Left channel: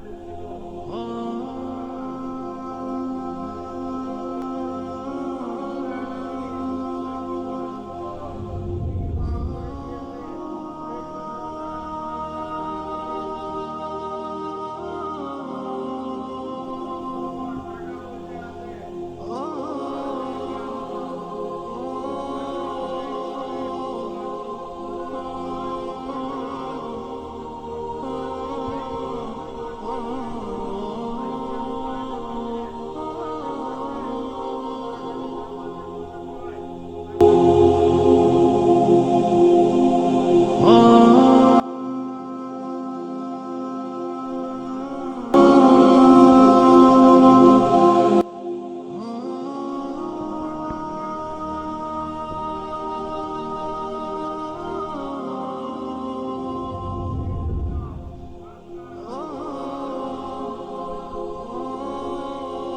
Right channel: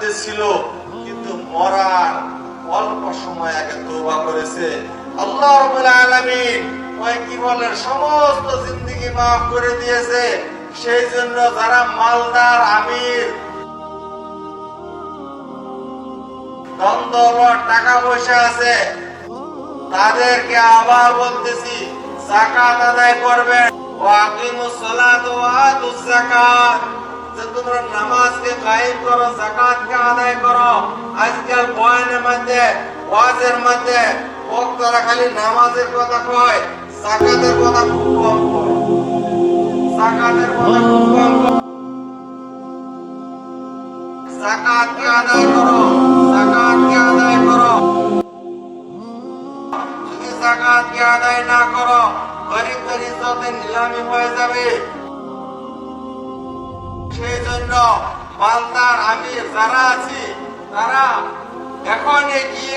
মধ্যে ছিল, কিন্তু মরার অল্প সময় আগে তওবা করেছে। আল্লাহ রাব্বুল আলামিন ওই কি বলেন সমস্ত জিন্দেগি মাফ করে দিয়েছে। সেই জন্য যারা মালদার আমির, ধন দৌলত টাকা পয়সা আছে, তাদেরকে আবার বলতেছি যাকাত আদায় করবেন। ওয়াকিমুস সালাত ওয়া আতুজ যাকাত, যে তোমরা নামাজকে কায়েম করো, যাকাতকে আদায় করো। আজকাল বয়ানের মধ্যে, ওয়াজের মধ্যে বক্তারা খালি নামাজের কথা কয়, যাকাতের কথা খুব কম কয়। যাকাতের কথা খুব কম কয়। যাকাতকে আদায় করো, যাকাতকে আদায় করো। যদি যাকাতকে আদায় না করো, গরিবদের ইজ্জতের নিলামি হয়ে যাবে। সেই জন্য মালদার আমির যারা আছে, তারা এখন কি